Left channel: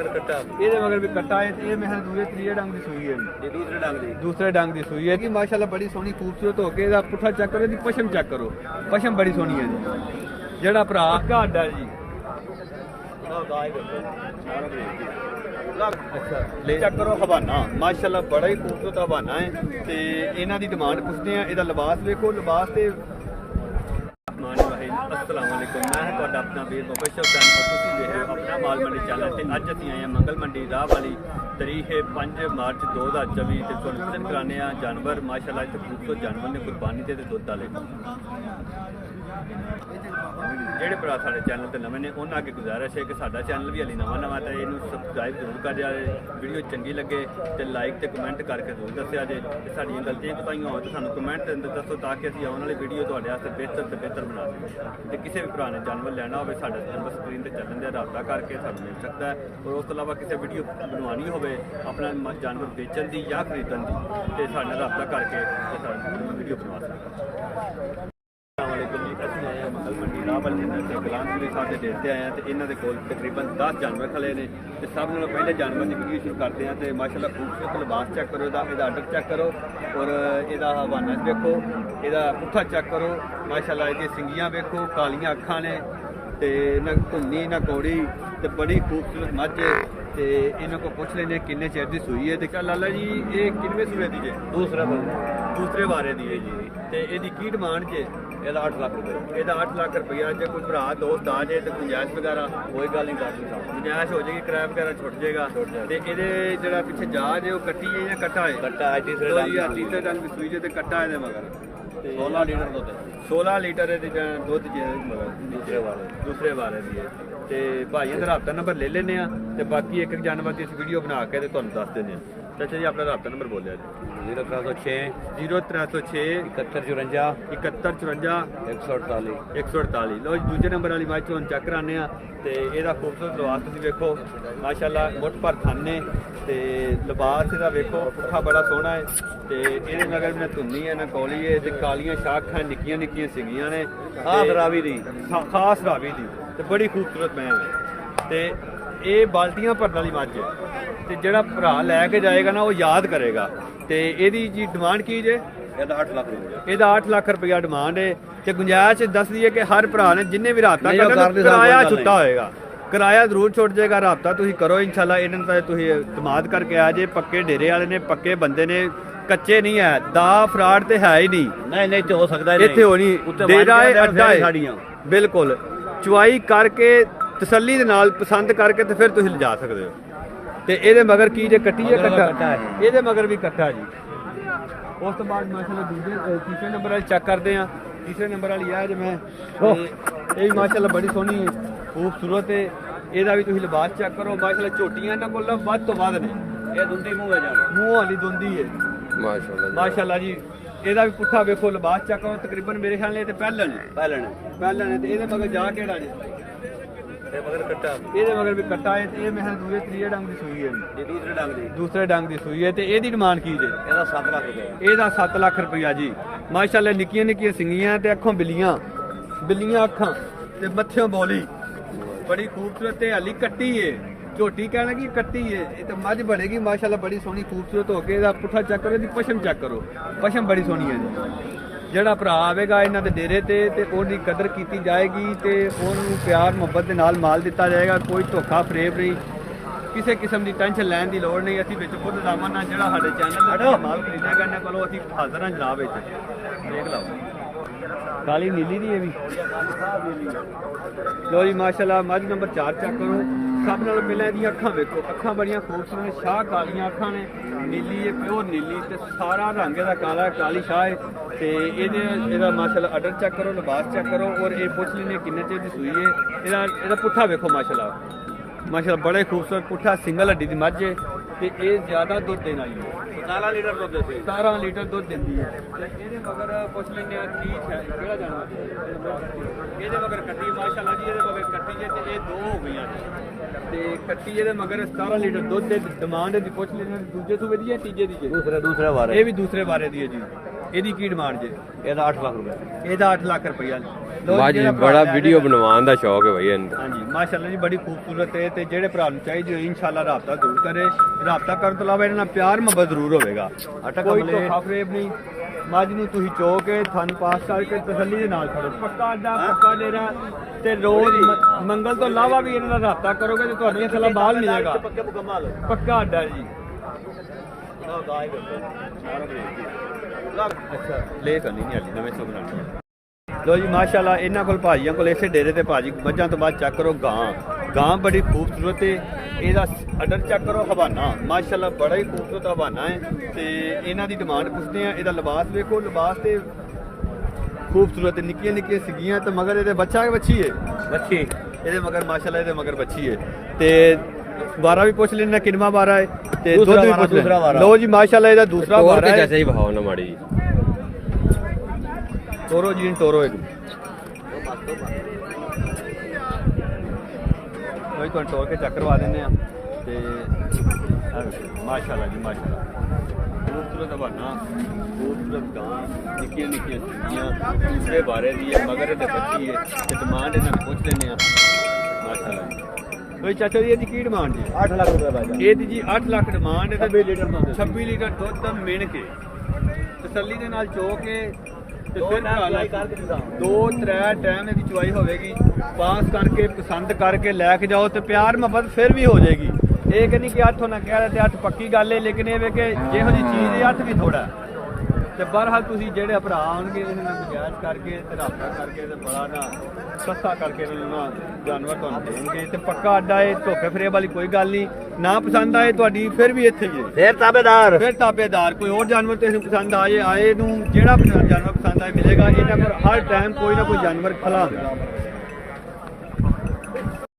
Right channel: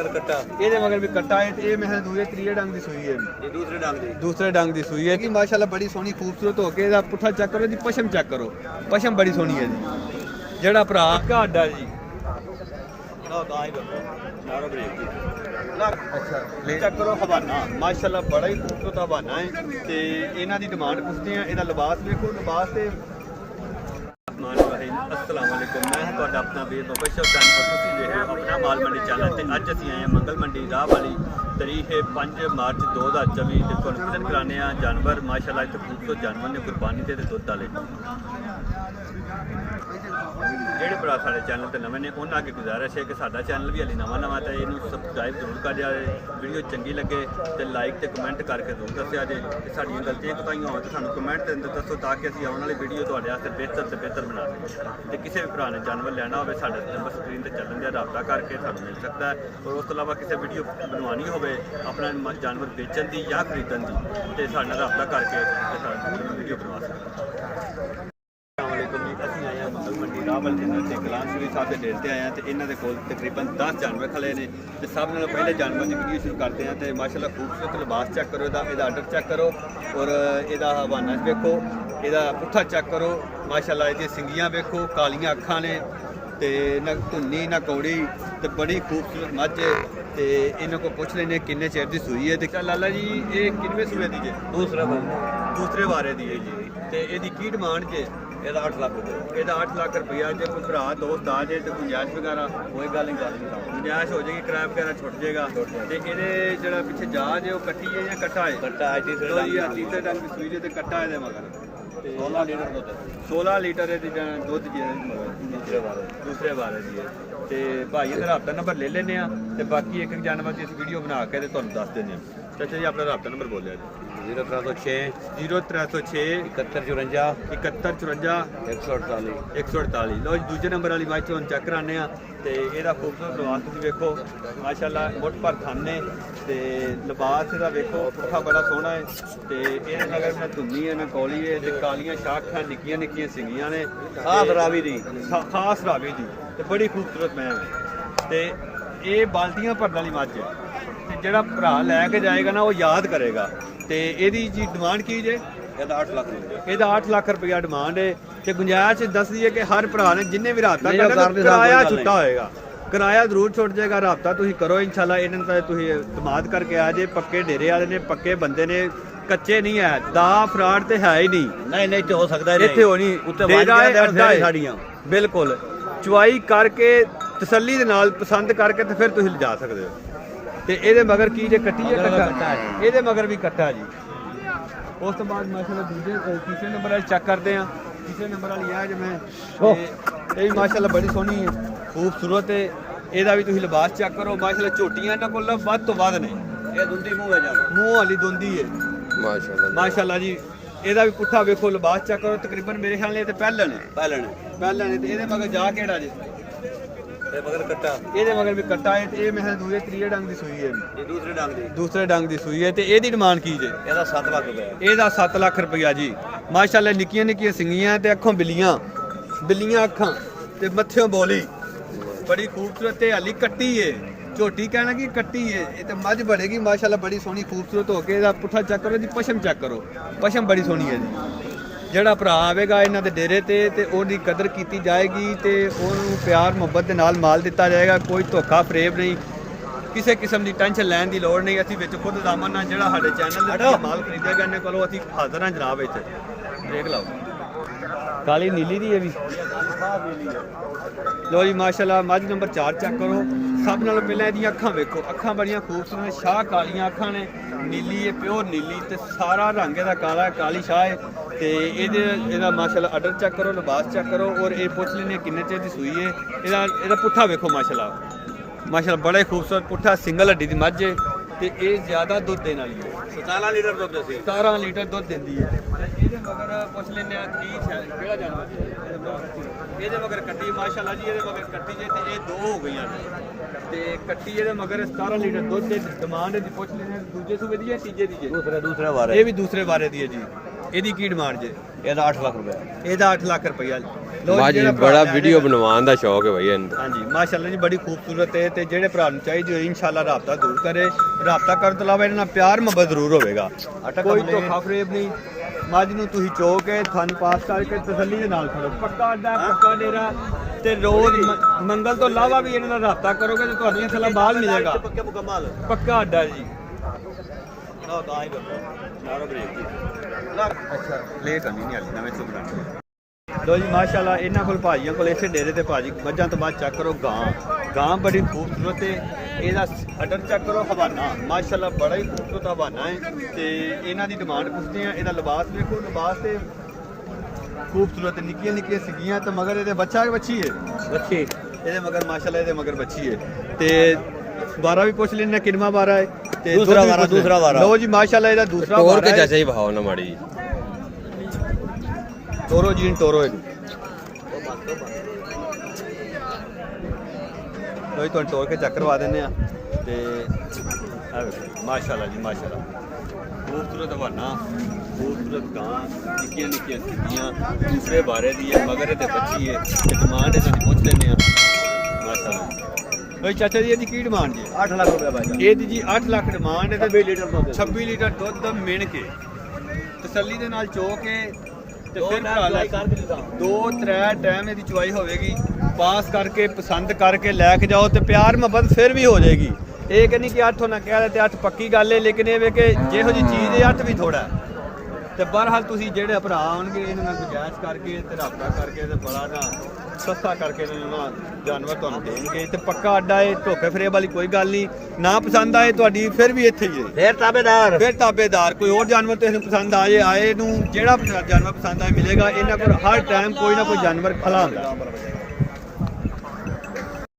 ਇਹਦੇ ਮਗਰ ਵੀ ਕੱਟਾ ਹੈ ਤੇ ਇਹ ਮੈਂ ਦੂਜੇ ਤੀਜੇ ਡੰਗ ਦੀ ਸੂਈ ਹੈ ਇਹ ਦੂਸਰੇ ਡੰਗ ਦੀ ਸੂਈ ਹੈ ਕਿ ਮਾਸ਼ਾਅੱਲਾ ਬੜੀ ਸੋਹਣੀ ਖੂਬਸੂਰਤ ਹੋ ਕੇ ਇਹਦਾ ਪੁੱਠਾ ਚੈੱਕ ਕਰੋ, ਇਹਦੀ ਪਸ਼ਮ ਚੈੱਕ ਕਰੋ, ਪਸ਼ਮ ਬੜੀ ਸੋਹਣੀ ਹੈ ਜੀ। ਜਿਹੜਾ ਭਰਾ ਘਾਡਾ ਜੀ ਅੱਛਾ ਚੈੱਕ ਕਰੋ ਹਵਾਨਾ, ਮਾਸ਼ਾਅੱਲਾ ਬੜਾ ਹੀ ਖੂਬਸੂਰਤ ਹਵਾਨਾ ਹੈ ਤੇ ਇਹਨਾਂ ਦੀ ਡਿਮਾਂਡ ਪੁੱਛਦੇ ਆ। ਇਹਦਾ ਲਿਬਾਸ ਵੇਖੋ, ਲਿਬਾਸ ਤੇ अस्सलाम वालेकुम, मैं है ਤੁਹਾਡਾ ਆਪਣਾ ਵੀਰ ਮੁਬਸ਼ਰ ਚੈਨਲ ਤੋਂ ਤੁਸੀਂ ਦੇਖ ਰਹੇ ਹੋ ਆਪਣਾ ਮਾਲ ਮੰਡੀ ਚੈਨਲ ਤੇ ਅੱਜ ਅਸੀਂ ਆਏ ਹਾਂ ਮੰਗਲ ਮੰਡੀ ਰਾਹ ਵਾਲੀ। ਤਾਰੀਖ ਹੈ 5 ਮਾਰਚ 2024 ਤੇ ਤੁਹਾਨੂੰ ਵਿਜ਼ਿਟ ਕਰਾਣੇ ਆ ਜਾਨਵਰ ਮਾਸ਼ਾਅੱਲਾ ਇੱਥੇ ਖੂਬਸੂਰਤ ਜਾਨਵਰ ਨੇ ਕੁਰਬਾਨੀ ਤੇ ਦੁੱਧ ਵਾਲੇ। ਜਿਹੜੇ ਭਰਾ ਸਾਡੇ ਚੈਨਲ ਤੇ ਨਵੇਂ ਨੇ ਉਹਨਾਂ ਅੱਗੇ ਗੁਜ਼ਾਰਿਸ਼ ਹੈ ਕਿ ਸਾਡਾ ਚੈਨਲ ਵੀ ਹਾਲੇ ਨਵਾਂ ਤਾਂ ਇਹਨੂੰ ਸਬਸਕ੍ਰਾਈਬ ਜ਼ਰੂਰ ਕਰ ਦਿਆ ਜੇ, ਵੀਡੀਓ ਚੰਗੀ ਲੱਗੇ ਤੇ ਲਾਈਕ ਤੇ ਕਮੈਂਟ ਕਰਕੇ ਜ਼ਰੂਰ ਦੱਸਿਆ ਜੇ ਕਿ ਸਾਡੀਆਂ ਗਲਤੀਆਂ ਕੋਤਾਹੀਆਂ ਹੋਣ ਤਾਂ ਸਾਨੂੰ ਕਮੈਂਟ ਦੇ ਅੰਦਰ ਦੱਸੋ ਤਾਂ ਕਿ ਅਸੀਂ ਆਉਣ ਵਾਲੀ ਵੀਡੀਓ ਤੁਹਾਡੇ ਵਾਸਤੇ ਬਿਹਤਰ ਤੇ ਬਿਹਤਰ ਬਣਾ ਸਕੀਏ। ਤੇ ਕਿਸੇ ਵੀ ਭਰਾ ਨੇ ਜਾਨਵਰ ਲੈਣਾ ਹੋਵੇ ਸਾਡਾ ਨੰਬਰ ਸਕਰੀਨ ਤੇ ਚੱਲਣ ਦਾ ਰਾਬਤਾ ਕਰਕੇ ਸਾਨੂੰ ਮਿਲ ਸਕਦਾ ਹੈ। ਔਰ ਉਸ ਤੋਂ ਇਲਾਵਾ ਕਿਸੇ ਵੀਡੀਓ ਬਣਵਾਉਣੀ ਹੋਵੇ ਆਪਣਾ ਜਾਨਵਰ ਵੇਚਣ ਦੀ ਜਾਂ ਖਰੀਦਣ ਦੀ ਤੇ ਸਾਡੇ ਨਾਲ ਰਾਬਤਾ ਕਰਕੇ ਤੇ ਸਾਡੀ ਵੀਡੀਓ ਬਣਵਾ ਸਕਦਾ। ਅਸੀਂ ਆਏ ਹਾਂ ਮੰਗਲ ਮੰਡੀ ਰਾਹ ਵਾਲੇ ਦਿਨ ਤੇ ਗੁਲਾਮ ਸ਼ਰੀਰ ਸਾਹਿਬ ਦੇ ਡੇਰੇ ਤੇ ਆਏ ਹਾਂ ਤੇ ਇਹਨਾਂ ਦੇ ਕੋਲ ਤਕਰੀਬਨ 10 ਜਾਨਵਰ ਖਲੇ ਨੇ ਤੇ ਸਭ ਨਾਲੋਂ ਪਹਿਲੇ ਜਾਨਵਰ ਦੀ ਵੀਡੀਓ ਸ਼ੁਰੂ ਕਰਦੇ ਹਾਂ ਤੇ ਮਾਸ਼ਾਅੱਲਾ ਖੂਬਸੂਰਤ ਲਿਬਾਸ ਚੈੱਕ ਕਰੋ, ਇਹਦਾ ਆਰਡਰ ਚੈੱਕ ਕਰੋ ਔਰ ਇਹਦਾ ਹਵਾਨਾ ਵੇਖੋ, ਇਹਦਾ ਪੁੱਠਾ ਚੈੱਕ ਕਰੋ, ਮਾਸ਼ਾਅੱਲਾ ਇਹਦੀਆਂ ਸਿੰਗੀਆਂ ਵੇਖੋ, ਕਾਲੀਆਂ ਅੱਖਾਂ ਨੇ ਤੇ ਨਾ ਧੁੰਨੀ ਨਾ ਕੌੜੀ ਤੇ ਬੜੀ ਖੂਬਸੂਰਤ ਮੱਝ ਤੇ ਇਹਨਾਂ ਕੋਲ ਪੁੱਛ ਲੈਂਦੇ ਕਿੰਨੇ ਚਿਰ ਦੀ ਸੂਈ ਹੈ। ਤੇ ਲਾਲਾ ਜੀ ਇਹ ਕਿੰਨਵੇਂ ਸੂਏ ਦੀ ਜੇ? ਦੂਸਰੇ ਵਾਰੇ ਦੀ ਹੈ ਜੀ। ਤੇ ਇਹਦੀ ਕੀ ਡਿਮਾਂਡ ਜੇ? ਇਹਦਾ 8 ਲੱਖ ਰੁਪਏ। ਇਹਦਾ 8 ਲੱਖ ਰੁਪਈਆ। ਜੇ ਕੋਈ ਭਰਾ ਦੋਸਤ ਆ ਜੇ ਤੇ ਗੁੰਜਾਇਸ਼ ਵਗੈਰਾ ਕੋਈ ਗੱਲ ਨਹੀਂ ਕਰਨੀ, ਗੁੰਜਾਇਸ਼ ਹੋ ਜਾਏਗੀ, ਕਿਰਾਇਆ ਵਗੈਰਾ ਛੁੱਟ ਜਾਏਗਾ। ਤੇ ਇਹਦੇ ਜਿਹੜਾ ਪਿੱਛੇ ਜਹਾਜ਼ ਹੈ ਉਹ ਕੱਟੀ ਹੈ ਜਾਂ ਕੱਟਾ ਹੈ? ਕੱਟਾ ਹੈ ਤੀਸਰੇ ਡੰਗ ਦੀ ਸੂਈ ਜੇ ਤੇ ਕੱਟਾ ਇਹਦੇ ਮਗਰ 16 ਲੀਟਰ ਦੁੱਧ 16 ਲੀਟਰ ਇਹਦੇ ਦੁੱਧ ਦੂਸਰੇ ਵਾਲੇ ਦੀ ਹੈ। ਤੇ ਭਾਈ ਦਾ ਰਾਬਤਾ ਨੰਬਰ ਲੈ ਲੈਂਦੇ ਆ ਤੇ ਬਾਕੀ ਇੱਕ ਜਾਨਵਰ ਦੀ ਅਸੀਂ ਵੀਡੀਓ ਬਣਾ ਕੇ ਤੇ ਤੁਹਾਨੂੰ ਦੱਸ ਦਿੰਦੇ ਹਾਂ। ਚਾਚਾ ਜੀ ਆਪਣਾ ਰਾਬਤਾ ਨੰਬਰ ਬੋਲਿਆ ਜੀ। 0306 0306 7154 7154 148 148। ਲੋ ਜੀ ਦੂਜੇ ਨੰਬਰ ਵਾਲੀ ਮੈਚ ਤੁਹਾਨੂੰ ਚੈੱਕ ਕਰਾਉਂਦੇ ਆ ਤੇ ਇਹਦਾ ਖੂਬਸੂਰਤ ਲਿਬਾਸ ਤੁਸੀਂ ਵੇਖੋ, ਮਾਸ਼ਾਅੱਲਾ ਮੁੱਠ ਭਰ ਖਾਨੇ ਤੇ ਲਿਬਾਸ ਇਹਦਾ ਵੇਖੋ, ਪੁੱਠਾ ਬੜਾ ਸੋਹਣਾ ਹੈ ਤੇ ਇਹਦੇ ਮਗਰ ਨਾ ਧੁੰਨੀ ਹੈ ਨਾ ਕੌਲੀ ਹੈ ਤੇ ਕਾਲੀਆਂ ਸ਼ਾਖਾਂ ਨਿੱਕੀਆਂ ਨਿੱਕੀਆਂ ਸਿੰਗੀਆਂ ਨੇ, ਖਾਸ ਰਾਵੀ ਦੀ ਤੇ ਬੜੀ ਖੂਬਸੂਰਤ ਮੈਂ ਤੇ ਇਹ ਬਾਲਟੀਆਂ ਭਰਨ ਵਾਲੀ ਮੱਝ ਹੈ ਤੇ ਜਿਹੜਾ ਭਰਾ ਲੈ ਕੇ ਜਾਏਗਾ ਨਾ ਉਹ ਯਾਦ ਕਰੇਗਾ। ਤੇ ਇਹਦੀ ਜੀ ਡਿਮਾਂਡ ਕੀ ਜੇ? ਇਹਦਾ 8 ਲੱਖ ਰੁਪਏ। ਇਹਦਾ 8 ਲੱਖ ਰੁਪਇਆ ਡਿਮਾਂਡ ਹੈ ਤੇ ਗੁੰਜਾਇਸ਼ ਦੱਸਦੀ ਹੈ ਕਿ ਹਰ ਭਰਾ ਨੇ ਜਿੰਨੇ ਵੀ ਰਾਬਤਾ ਕਰਨਾ ਕਿਰਾਇਆ ਛੁੱਟਾ ਹੋਏਗਾ, ਕਿਰਾਇਆ ਜ਼ਰੂਰ ਛੁੱਟ ਜਾਏਗਾ। ਰਾਬਤਾ ਤੁਸੀਂ ਕਰੋ ਇਨਸ਼ਾਅੱਲਾ। ਇਹਨਾਂ ਦਾ ਤੁਸੀਂ ਇਤਮਾਦ ਕਰਕੇ ਆ ਜੇ, ਪੱਕੇ ਡੇਰੇ ਵਾਲੇ ਨੇ, ਪੱਕੇ ਬੰਦੇ ਨੇ, ਕੱਚੇ ਨਹੀਂ ਹੈ। ਦਾ ਫਰਾਡ ਤੇ ਹੈ ਹੀ ਨਹੀਂ ਤੇ ਹੋ ਸਕਦਾ ਇੱਥੇ ਹੋ ਨਹੀਂ ਉੱਤੇ ਸਾਡੀਆਂ ਬਿਲਕੁਲ ਚੁਆਈ ਕਰਕੇ ਤਸੱਲੀ ਦੇ ਨਾਲ ਪਸੰਦ ਕਰਕੇ ਤੇ ਫਿਰ ਤੁਸੀਂ ਲਿਜਾ ਸਕਦੇ ਹੋ। ਤੇ ਇਹਦੇ ਮਗਰ ਕੀ ਜੇ? ਕੱਟੀ ਹੈ ਕੱਟਾ? ਇਹਦੇ ਮਗਰ ਵੀ ਕੱਟਾ ਜੀ। ਉਸ ਤੋਂ ਬਾਅਦ ਮਾਸ਼ਾਅੱਲਾ ਤੀਸਰੇ ਨੰਬਰ ਵਾਲੀ ਚੈੱਕ ਕਰਦੇ ਆ। ਤੀਸਰੇ ਨੰਬਰ ਵਾਲੀ ਆ ਜਿਵੇਂ ਇਹ ਮਾਸ਼ਾਅੱਲਾ ਬੜੀ ਸੋਹਣੀ ਹੈ, ਖੂਬਸੂਰਤ ਹੈ। ਇਹਦਾ ਵੀ ਤੁਸੀਂ ਲਿਬਾਸ ਚੈੱਕ ਕਰੋ, ਮਾਸ਼ਾਅੱਲਾ ਝੋਟੀਆਂ ਦਾ ਕੋਲ ਵੱਧ ਤੋਂ ਵੱਧ ਨੇ। ਇਹ ਦੁੰਦੀ ਮੂੰਹ ਹੈ ਜਾਨ, ਮੂੰਹ ਵਾਲੀ ਦੁੰਦੀ ਹੈ ਮਾਸ਼ਾਅੱਲਾ ਜੀ। ਇਹਦਾ ਵੀ ਪੁੱਠਾ ਵੇਖੋ, ਲਿਬਾਸ ਚੈੱਕ ਕਰੋ। ਤਕਰੀਬਨ ਮੇਰੇ ਖਿਆਲ ਨਾਲ ਇਹ ਤੇ ਪਹਿਲਾਂ ਨੇ ਤੇ ਇਹਦੇ ਮਗਰ ਜਾ ਕਿਹੜਾ ਜੇ? ਇਹਦੇ ਮਗਰ ਵੀ ਕੱਟਾ ਹੈ ਤੇ ਇਹ ਮੈਂ ਦੂਜੇ ਤੀਜੇ ਡੰਗ ਦੀ ਸੂਈ ਹੈ। ਇਹ ਦੂਸਰੇ ਡੰਗ ਦੀ ਸੂਈ ਹੈ ਤੇ ਇਹਦੀ ਡਿਮਾਂਡ ਕੀ ਜੇ? ਇਹਦਾ 7 ਲੱਖ ਰੁਪਏ। ਇਹਦਾ 7 ਲੱਖ ਰੁਪਇਆ ਜੀ। ਮਾਸ਼ਾਅੱਲਾ ਨਿੱਕੀਆਂ ਨਿੱਕੀਆਂ ਸਿੰਗੀਆਂ ਤੇ ਅੱਖੋਂ ਬਿੱਲੀਆਂ ਅੱਖਾਂ ਤੇ ਮੱਥਿਓਂ ਬੋਲੀ ਬੜੀ ਖੂਬਸੂਰਤ ਤੇ ਹਾਲੀ ਕੱਟੀ ਏ। ਝੋਟੀ ਕਹਿਣਾ ਕਿ ਕੱਟੀ ਏ। ਇਹ ਤੇ ਮੱਝ ਬਣੇਗੀ ਮਾਸ਼ਾਅੱਲਾ ਬੜੀ ਸੋਹਣੀ ਖੂਬਸੂਰਤ ਹੋ ਕੇ। ਇਹਦਾ ਪੁੱਠਾ ਚੈੱਕ ਕਰੋ, ਇਹਦੀ ਪਸ਼ਮ ਚੈੱਕ ਕਰੋ, ਪਸ਼ਮ ਬੜੀ ਸੋਹਣੀ ਹੈ ਜੀ। ਜਿਹੜਾ ਭਰਾ ਆਵੇਗਾ ਇਹਨਾਂ ਦੇ ਡੇਰੇ ਤੇ ਉਹਦੀ ਕਦਰ ਕੀਤੀ ਜਾਏਗੀ ਤੇ ਉਹਨੂੰ ਪਿਆਰ ਮੁਹੱਬਤ ਦੇ ਨਾਲ ਮਾਲ ਦਿੱਤਾ ਜਾਏਗਾ। ਕੋਈ ਧੋਖਾ ਫਰੇਬ ਨਹੀਂ, ਕਿਸੇ ਕਿਸਮ ਦੀ ਟੈਨਸ਼ਨ ਲੈਣ ਦੀ ਲੋੜ ਨਹੀਂ। ਅਸੀਂ ਵਿੱਚ ਖੁਦ ਦਾਮਨ ਨਾਲ ਜਿਹੜਾ ਸਾਡੇ ਚੈਨਲ ਦੇ ਮਾਲ ਖਰੀਦੇਗਾ ਇਹਨਾਂ ਕੋਲੋਂ ਅਸੀਂ ਹਾਜ਼ਰ ਹਾਂ ਜਨਾਬ। ਵਿੱਚ ਦੇਖ ਲਓ ਕਾਲੀ ਨੀਲੀ ਦੀ ਹੈ ਵੀ। ਲੋ ਜੀ ਮਾਸ਼ਾਅੱਲਾ ਮੱਝ ਨੰਬਰ 4 ਚੈੱਕ ਕਰੋ। ਸਭ ਨਾਲੋਂ ਪਹਿਲਾਂ ਇਹਦੀਆਂ ਅੱਖਾਂ ਵੇਖੋ, ਅੱਖਾਂ ਬੜੀਆਂ ਖੂਬਸੂਰਤ ਨੇ, ਸ਼ਾਹ ਕਾਲੀਆਂ ਅੱਖਾਂ ਨੇ, ਨੀਲੀ ਹੈ, ਪਿਓਰ ਨੀਲੀ ਤੇ ਸਾਰਾ ਰੰਗ ਇਹਦਾ ਕਾਲਾ, ਕਾਲੀ ਸ਼ਾਹ ਹੈ। ਤੇ ਇਹਦਾ ਮਾਸ਼ਾਅੱਲਾ ਆਰਡਰ ਚੈੱਕ ਕਰੋ, ਲਿਬਾਸ ਚੈੱਕ ਕਰੋ ਔਰ ਇਹ ਪੁੱਛ ਲੈਣੇ ਕਿੰਨੇ ਚਿਰ ਦੀ ਸੂਈ ਹੈ। ਇਹਦਾ ਪੁੱਠਾ ਵੇਖੋ ਮਾਸ਼ਾਅੱਲਾ ਬੜਾ ਖੂਬਸੂਰਤ ਪੁੱਠਾ ਸਿੰਗਲ ਹੱਡੀ ਦੀ ਮੱਝ ਹੈ ਤੇ ਇਹ ਜ਼ਿਆਦਾ ਦੁੱਧ ਦੇਣ ਵਾਲੀ ਹੈ। 17 ਲੀਟਰ ਦੁੱਧ ਦੇ 17 ਲੀਟਰ ਦੁੱਧ ਦਿੰਦੀ ਹੈ। ਤੇ ਇਹਦੇ ਮਗਰ ਪੁੱਛ ਲੈਂਦੇ ਆ ਕੀ ਕਿਹੜਾ ਜਾਨਵਰ ਇਹਦੇ ਮਗਰ ਕੱਟੀ ਮਾਸ਼ਾਅੱਲਾ ਜੀ। ਇਹਦੇ ਮਗਰ ਕੱਟੀ ਜੇ ਤੇ ਇਹ 2 ਹੋ ਗਈਆਂ ਤੇ ਕੱਟੀ ਇਹਦੇ ਮਗਰ 17 ਲੀਟਰ ਦੁੱਧ ਦੇ ਡਿਮਾਂਡ ਦੀ ਪੁੱਛ ਲੈਂਦੇ ਦੂਜੇ ਸੂਬੇ ਦੀ ਹੈ ਤੀਜੇ ਦੀ ਜੇ? ਦੂਸਰਾ ਵਾਰ ਇਹ ਵੀ ਦੂਸਰੇ ਵਾਰੇ ਦੀ ਹੈ ਜੀ। ਇਹਦੀ ਕੀ ਡਿਮਾਂਡ ਜੇ? ਇਹਦਾ 8 ਲੱਖ ਰੁਪਏ। ਇਹਦਾ 8 ਲੱਖ ਰੁਪਇਆ। ਮਾਜੀ ਜਿਹੜਾ ਭਰਾ ਬੜਾ ਲੈ ਵੀਡੀਓ ਰਿਹਾ- ਬਣਵਾਉਣ ਦਾ ਸ਼ੌਕ ਹੈ ਭਾਈ ਇਹਨੂੰ ਹਾਂਜੀ ਮਾਸ਼ਾਅੱਲਾ ਜੀ ਬੜੀ ਖੂਬਸੂਰਤ ਹੈ ਤੇ ਜਿਹੜੇ ਭਰਾ ਨੂੰ ਚਾਹੀਦੀ ਹੋਈ ਇਨਸ਼ਾਅੱਲਾ ਰਾਬਤਾ ਜ਼ਰੂਰ ਕਰੇ। ਰਾਬਤਾ ਕਰਨ ਤੋਂ ਇਲਾਵਾ ਇਹਨਾਂ ਨਾਲ ਪਿਆਰ ਮੁਹੱਬਤ ਜ਼ਰੂਰ ਹੋਵੇਗਾ। ਕੋਈ ਧੋਖਾ ਫਰੇਬ ਨਹੀਂ। ਮੱਝ ਨੂੰ ਤੁਸੀਂ ਚੋ ਕੇ ਥਣ ਪਾਸ ਕਰਕੇ ਤਸੱਲੀ ਦੇ ਨਾਲ ਖੜੋ। ਪੱਕਾ ਅੱਡਾ ਪੱਕਾ ਡੇਰਾ ਤੇ ਰੋਜ਼ ਮੰਗਲ ਤੋਂ ਇਲਾਵਾ ਵੀ ਇਹਨਾਂ ਨਾਲ ਰਾਬਤਾ ਕਰੋਗੇ ਤੇ ਤੁਹਾਡੀਆਂ ਥੱਲੇ ਬਾਲ ਮਿਲੇਗਾ। ਪੱਕੇ ਮੁਕੰਮਲ ਪੱਕਾ ਅੱਡਾ ਜੀ। ਨਾ ਦਾਈ ਸਾਰਾ ਬਰੇਕ ਅੱਛਾ ਲੇਟ ਨਹੀਂ ਹਾਲੀ ਨਵੇਂ ਚੁਗਣਾ। ਲੋ ਜੀ ਮਾਸ਼ਾਅੱਲਾ ਇਹਨਾਂ ਕੋਲ ਭਾਜੀਆਂ ਕੋਲ ਇਸੇ ਡੇਰੇ ਤੇ ਭਾਜੀ ਮੱਝਾਂ ਤੋਂ ਬਾਅਦ ਚੈੱਕ ਕਰੋ ਗਾਂ ਬੜੀ ਖੂਬਸੂਰਤ ਹੈ। ਇਹਦਾ ਅਡਰ ਚੈੱਕ ਕਰੋ ਹਵਾਨਾ ਮਾਸ਼ਾਅੱਲਾ ਬੜਾ ਹੀ ਖੂਬਸੂਰਤ ਹਵਾਨਾ ਹੈ ਤੇ ਇਹਨਾਂ ਦੀ ਡਿਮਾਂਡ ਪੁੱਛਦੇ ਆ। ਇਹਦਾ ਲਿਬਾਸ ਵੇਖੋ ਲਿਬਾਸ ਤੇ ਖੂਬਸੂਰਤ ਨਿੱਕੀਆਂ ਨਿੱਕੀਆਂ ਸਿੱਗੀਆਂ ਤੇ ਮਗਰ ਇਹਦੇ ਬੱਚਾ ਹੈ ਬੱਚੀ ਹੈ ਬੱਚੀ ਇਹਦੇ ਮਗਰ ਮਾਸ਼ਾਅੱਲਾ ਇਹਦੇ ਮਗਰ ਬੱਚੀ ਹੈ ਤੇ ਬਾਰਾ ਵੀ ਪੁੱਛ ਲੈਣਾ ਕਿੰਨਾ ਬਾਰਾ ਹੈ ਤੇ ਦੂਸਰਾ ਵਾਰਾ। ਲੋ ਜੀ ਮਾਸ਼ਾਅੱਲਾ ਇਹਦਾ ਦੂਸਰਾ ਤੋਰ ਬਾਰਾ ਕੇ ਹੈ। ਚਾਚਾ ਜੀ ਬਹਾਓ ਨਾ ਮਾੜੀ ਜੀ ਤੋਰੋ ਜੀ ਤੋਰੋ ਇਹਨੂੰ ਕੋਈ ਤੁਹਾਨੂੰ ਤੋਰ ਕੇ ਚੱਕ ਕਰਵਾ ਦਿੰਦੇ ਆ ਤੇ ਆਹ ਵੇਖੋ, ਮਾਸ਼ਾਅੱਲਾ ਜੀ ਮਾਸ਼ਾਅੱਲਾ ਖੂਬਸੂਰਤ ਹਵਾਨਾ ਖੂਬਸੂਰਤ ਗਾਂ ਨਿੱਕੀਆਂ ਨਿੱਕੀਆਂ ਸਿੱਧੀਆਂ ਦੂਸਰੇ ਬਾਰੇ ਦੀ ਹੈ ਮਗਰ ਤੇ ਬੱਚੀ ਹੈ ਤੇ ਡਿਮਾਂਡ ਇਹਨਾਂ ਦੀ ਪੁੱਛ ਲੈਂਦੇ ਆ ਮਾਸ਼ਾਅੱਲਾ। ਬਈ ਚਾਚਾ ਜੀ ਇਹਦੀ ਕੀ ਡਿਮਾਂਡ ਜੀ? 8 ਲੱਖ ਰੁਪਏ ਭਾਈ ਇਹਦੀ ਜੀ 8 ਲੱਖ ਡਿਮਾਂਡ ਹੈ 26 ਲੀਟਰ ਦੁੱਧ 26 ਲੀਟਰ ਦੁੱਧ ਮਿਣ ਕੇ ਤਸੱਲੀ ਦੇ ਨਾਲ ਚੋ ਕੇ ਤੇ ਫਿਰ ਚੁਆਈ ਕਰਕੇ ਦਿੱਤਾ। 2-3 ਟਾਈਮ ਇਹਦੀ ਚੁਆਈ ਹੋਵੇਗੀ। ਪਾਸ ਕਰਕੇ ਪਸੰਦ ਕਰਕੇ ਲੈ ਕੇ ਜਾਓ ਤੇ ਪਿਆਰ ਮੁਹੱਬਤ ਫਿਰ ਵੀ ਹੋ ਜਾਏਗੀ। ਇਹ ਕਿ ਨਹੀਂ ਕਿ 8 ਨਾ ਕਹਿ ਤੇ 8 ਪੱਕੀ ਗੱਲ ਹੈ ਲੇਕਿਨ ਇਹ ਵੇ ਕਿ ਜਿਹੋ ਜੀ ਚੀਜ਼ ਹੈ 8 ਵੀ ਥੋੜਾ ਤੇ ਬਹਰਹਾਲ ਤੁਸੀਂ ਜਿਹੜੇ ਭਰਾ ਆਉਣਗੇ ਇਹਨਾਂ ਨਾਲ ਗੁਜਾਇਸ਼ ਕਰਕੇ ਤੇ ਰਾਬਤਾ ਕਰਕੇ ਤੇ ਬੜਾ ਨਾ ਸਸਤਾ ਕਰਕੇ ਇਹਨਾਂ ਨੂੰ ਨਾ ਜਾਨਵਰ ਤੁਹਾਨੂੰ ਦੇਣਗੇ ਤੇ ਪੱਕਾ ਅੱਡਾ ਹੈ। ਧੋਖੇ ਫਰੇਬ ਵਾਲੀ ਕੋਈ ਗੱਲ ਨਹੀਂ। ਨਾ ਪਸੰਦ ਆਏ ਤੁਹਾਡੀ ਫਿਰ ਵੀ ਇੱਥੇ ਹੀ ਹੈ। ਫੇਰ ਤਾਬੇਦਾਰ ਫਿਰ ਤਾਬੇਦਾਰ ਕੋਈ ਹੋਰ ਜਾਨਵਰ ਤੇ ਇਹਨੂੰ ਪਸੰਦ ਆਏ ਨੂੰ ਜਿਹੜਾ ਜਾਨਵਰ ਪਸੰਦ ਆਏ ਮਿਲੇਗਾ। ਇਹਨਾਂ ਕੋਲ ਹਰ ਟਾਈਮ ਕੋਈ ਨਾ ਕੋਈ ਜਾਨਵਰ ਖਲਾ ਹੁੰਦਾ।